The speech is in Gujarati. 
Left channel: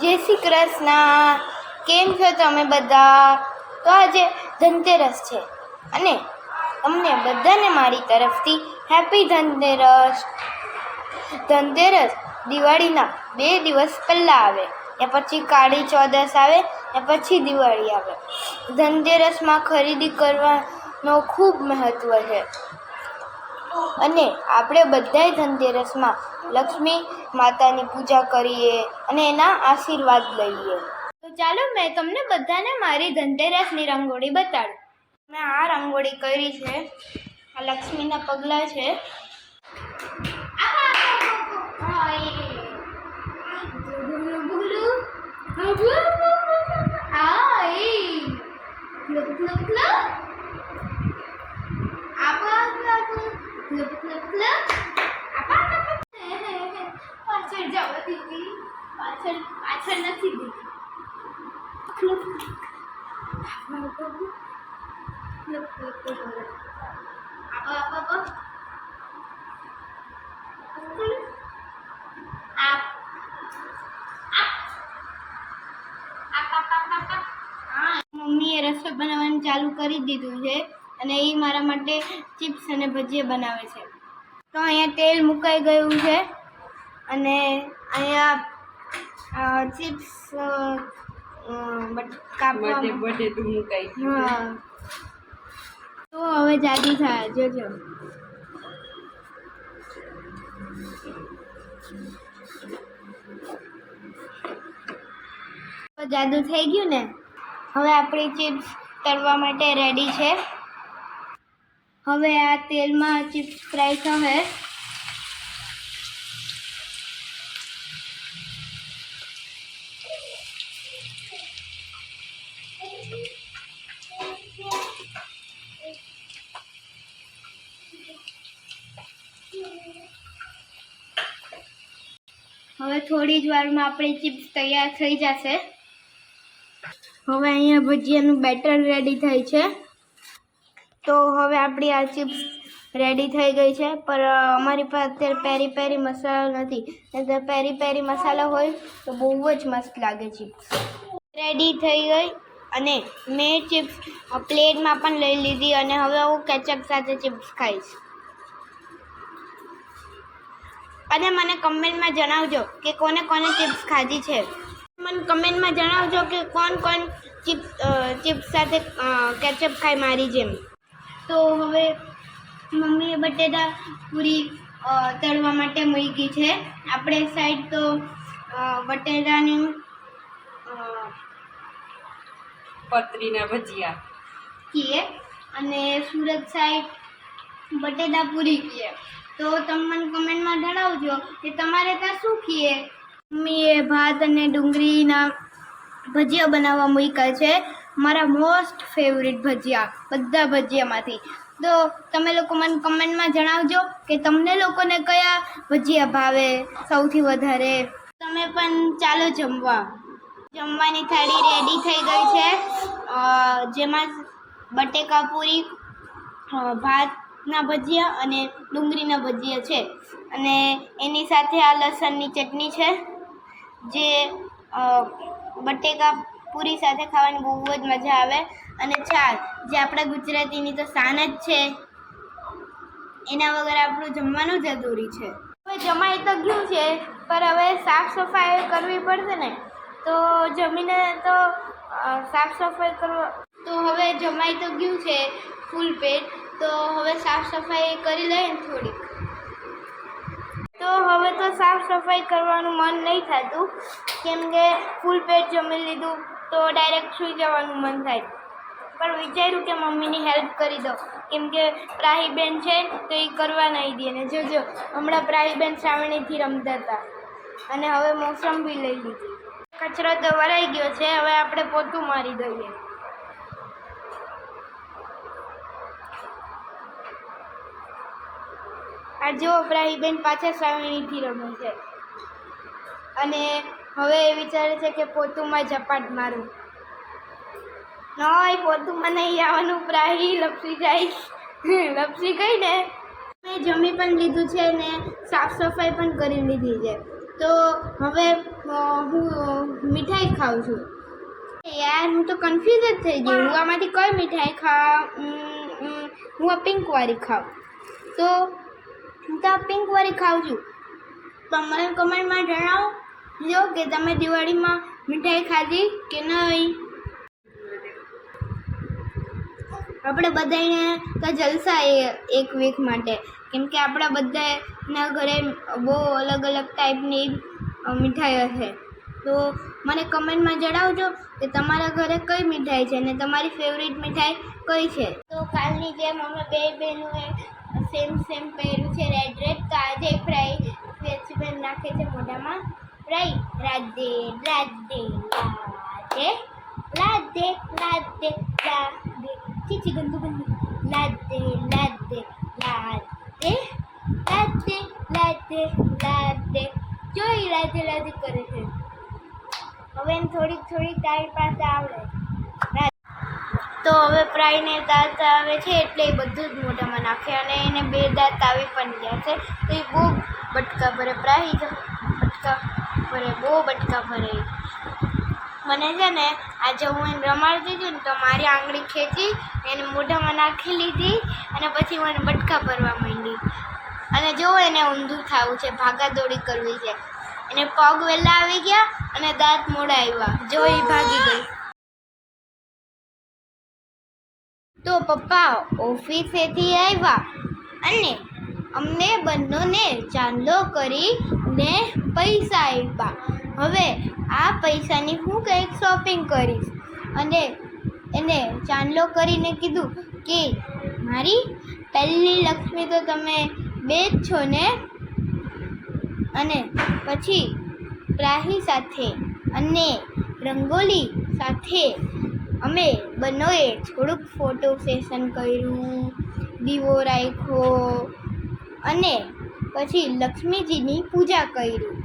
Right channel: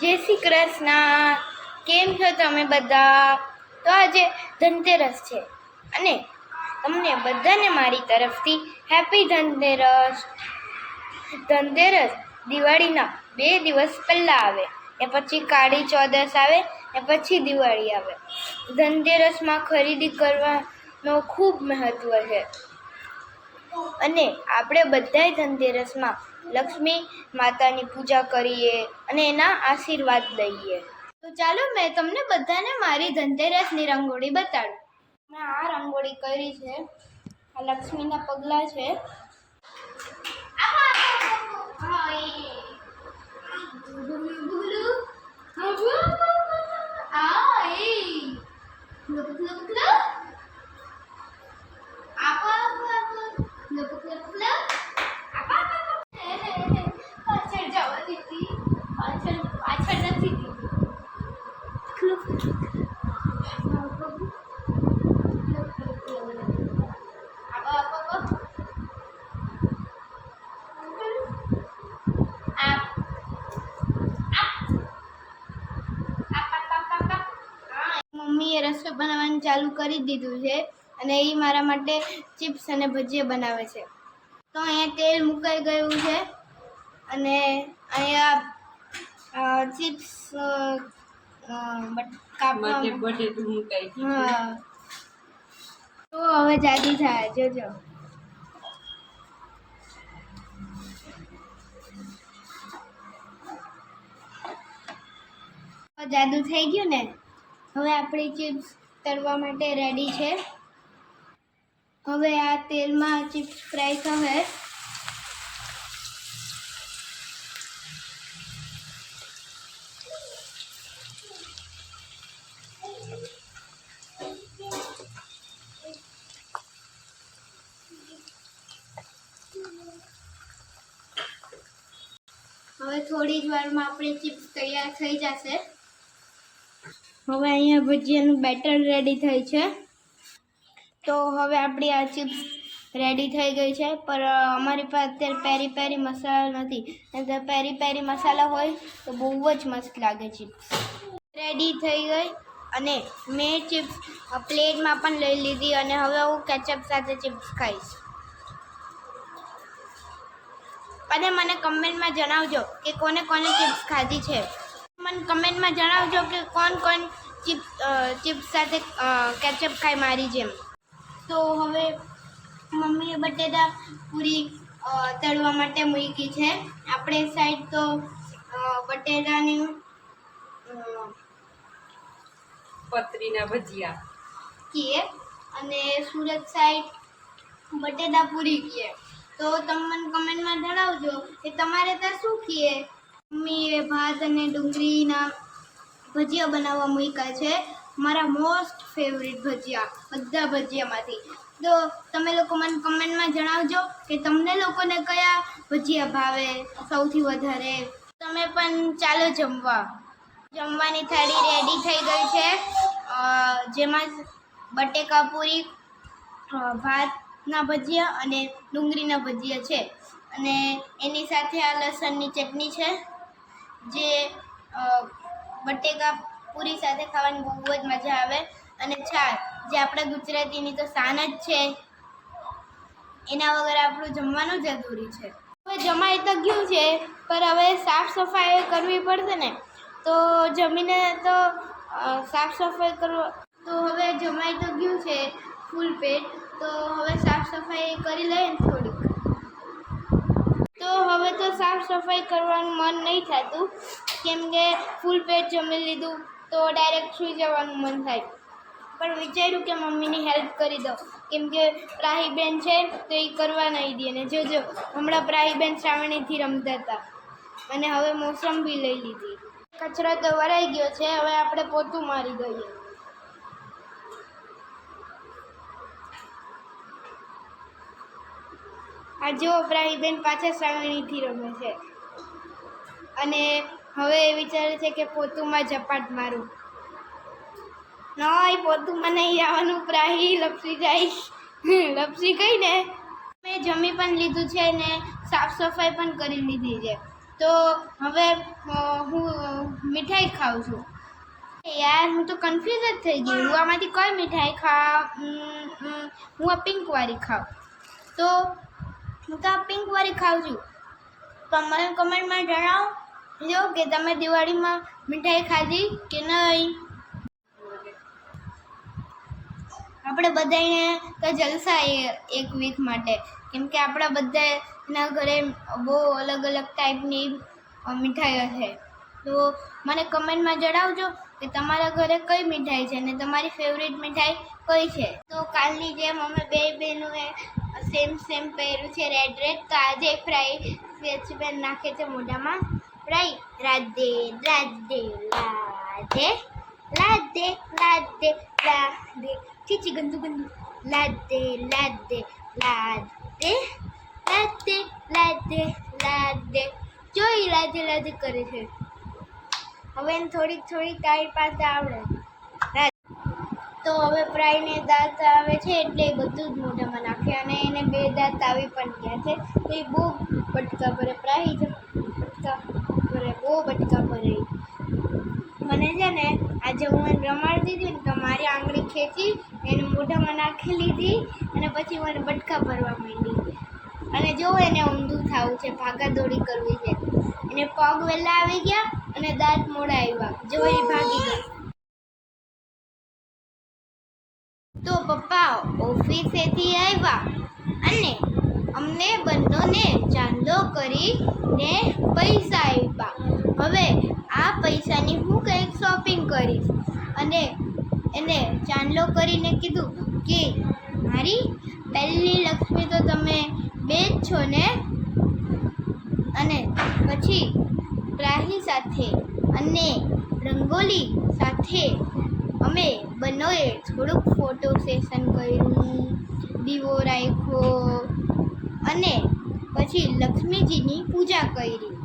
જય શ્રી કૃષ્ણ. કેમ છો તમે બધા? તો આજે ધનતેરસ છે. અને તમને બધાને મારી તરફથી હેપી ધનતેરસ. ધનતેરસ દિવાળીના બે દિવસ પહેલાં આવે. ને પછી કાળી ચૌદસ આવે ને પછી દિવાળી આવે. ધનતેરસમાં ખરીદી કરવાનો ખૂબ મહત્ત્વ છે. અને આપણે બધાય ધનતેરસમાં લક્ષ્મી માતાની પૂજા કરીએ અને એના આશીર્વાદ લઈએ. તો ચાલો મેં તમને બધાને મારી ધનતેરસની રંગોળી બતાડું. મેં આ રંગોળી કરી છે. આ લક્ષ્મીના પગલાં છે. પાછળ જવા પાછળ પાછળ નથી મમ્મીએ રસોઈ બનાવવાનું ચાલુ કરી દીધું છે અને એ મારા માટે ચિપ્સ અને ભજીયા બનાવે છે. તો અહીંયા તેલ મુકાઈ ગયું છે અને અહીંયા ચિપ્સ બધે મુકાઈ હા. તો હવે જાદુ થાય જોજો. જાદુ થઈ ગયું ને? હવે આપણી ચિપ્સ તળવા માટે રેડી છે. હવે આ તેલમાં ચિપ્સ ફ્રાય થશે. હવે થોડી જ વારમાં આપણી ચિપ્સ તૈયાર થઈ જશે. હવે અહીંયા ભજીયાનું બેટર રેડી થાય છે. તો હવે આપણી આ ચિપ્સ રેડી થઈ ગઈ છે. પર અમારી પાસે અત્યારે પેરી પેરી મસાલા નથી. પેરી પેરી મસાલા હોય તો બહુ જ મસ્ત લાગે ચિપ્સ. રેડી થઈ ગઈ અને મેં ચિપ્સ પ્લેટમાં પણ લઈ લીધી અને હવે હું કેચઅપ સાથે ચિપ્સ ખાઈશ. અને મને કમેન્ટમાં જણાવજો કે કોને કોને ચિપ્સ ખાધી છે. મને કમેન્ટમાં જણાવજો કે કોણ કોણ ચિપ્સ ચિપ્સ સાથે કેચઅપ ખાય મારી જેમ. તો હવે મમ્મીએ બટેટા પૂરી તળવા માટે મૂકી છે. આપણે સાઈડ તો બટેટાને પતરીના ભજીયા. કીએ અને સુરત સાઈડ બટેટા પૂરી કીએ. તો તમે મને કમેન્ટમાં જણાવજો કે તમારે ત્યાં શું કીએ? મમ્મીએ ભાત અને ડુંગળીના ભજીયા બનાવવા મૂક્યા છે. મારા મોસ્ટ ફેવરિટ ભજીયા, બધા ભજીયામાંથી. તો તમે લોકો મને કમેન્ટમાં જણાવજો કે તમને લોકોને કયા ભજીયા ભાવે સૌથી વધારે. તમે પણ ચાલો જમવા. જમવાની થાળી રેડી થઈ ગઈ છે. જેમાં બટેકા પૂરી ભાતના ભજીયા અને ડુંગળીના ભજીયા છે. અને એની સાથે આ લસણની ચટણી છે. જે બટેકા પૂરી સાથે ખાવાની બહુ જ મજા આવે. અને છાશ જે આપણા ગુજરાતીની તો શાન જ છે. એના વગર આપણું જમવાનું જ અધૂરી છે. હવે જમાઈ તો ગયું છે પર હવે સાફ સફાઈ કરવી પડશે ને. તો જમીને તો સાફ સફાઈ કરવા તો હવે જમાઈ તો ગયું છે ફૂલ પેટ. તો હવે સાફ સફાઈ કરી લઈએ ને થોડીક. તો હવે તો સાફ સફાઈ કરવાનું મન નહીં થતું. કેમ કે ફૂલ પેટ જમી લીધું. તો ડાયરેક્ટ સૂઈ જવાનું મન થાય. પણ વિચાર્યું કે મમ્મીની હેલ્પ કરી દો કેમ કે પ્રાહીબેન છે તો એ કરવા નહીં દે ને જોજો, હમણાં પ્રાહીબેન શ્રાવણીથી રમતા હતા. અને હવે મોસમ બી લઈ લીધી. કચરો તો વરાઈ ગયો છે, હવે આપણે પોતું મારી દઈએ. આ જુઓ પ્રાહીબેન પાછા શ્રાવણીથી રમે છે. અને હવે એ વિચારે છે કે પોતુમાં ઝપાટ મારું. નહીં પોતુમાં નહીં આવવાનું પ્રાહી લપસી જાય. લપસી ગઈ ને? મેં જમી પણ લીધું છે ને સાફ સફાઈ પણ કરી લીધી છે. તો હવે હું મીઠાઈ ખાઉં છું. યાર હું તો કન્ફ્યુઝ જ થઈ ગઈ. હું આમાંથી કઈ મીઠાઈ ઉમ, હું આ પિંકવાળી ખાઉં. તો હું તો આ પિંકવાળી ખાઉં છું. તો મને કમેન્ટમાં જણાવો કે તમે દિવાળીમાં મીઠાઈ ખાધી કે નહીં? આપણે બધાને તો જલસા એ- એક વીક માટે. કેમ કે આપણા બધાના ઘરે બહુ અલગ અલગ ટાઈપની મીઠાઈઓ છે. તો મને કમેન્ટમાં જણાવજો કે તમારા ઘરે કઈ મીઠાઈ છે અને તમારી ફેવરિટ મીઠાઈ કઈ છે? તો કાલની જેમ અમે બે બહેનોએ સેમ સેમ પહેર્યું છે. રેડ રેડ તો આજે ફ્રાય સ્કેચપેન નાખે છે મોઢામાં. રાઈ, રાધે રાધે રાધે રાધે રાધે રાધે. ચીચી ગંદુ ગંદુ. લાદે લાદે લાદે લાદે લાદે લાદે જોઈ લાદે લાદે કરે છે. હવે એને થોડીક થોડીક તારી પાસે આવડે. તો હવે પ્રાયને દાંત આવે છે, એટલે એ બધું જ મોઢામાં નાખે અને એને બે દાંત આવી પણ ગયા છે. તો એ બહુ બટકા ભરે પ્રાય બટકા. ભરે, બહુ બટકા ભરે. મને છે ને, આજે હું એને રમાડતી હતી ને, તો મારી આંગળી ખેંચી, એને મોઢામાં નાખી લીધી અને પછી મને બટકા ભરવા માંડી. અને જો એને ઊંધું થવું છે, ભાગાદોડી કરવી છે. એને પગ વહેલા આવી ગયા અને દાંત મોડા આવ્યા. જો એ ભાગી ગઈ. તો પપ્પા, ઓફિસેથી આવ્યા અને અમને બંનેને ચાંદલો કરીને પૈસા આપ્યા. હવે આ પૈસાની હું કંઈક શોપિંગ કરીશ. અને એને ચાંદલો કરીને કીધું કે, મારી પહેલી લક્ષ્મી તો તમે બે જ છો ને? અને પછી પ્રાહી સાથે અને રંગોલી સાથે અમે બંનેએ થોડુંક ફોટો સેશન કર્યું, દીવો રાખ્યો અને પછી લક્ષ્મીજીની પૂજા કરી.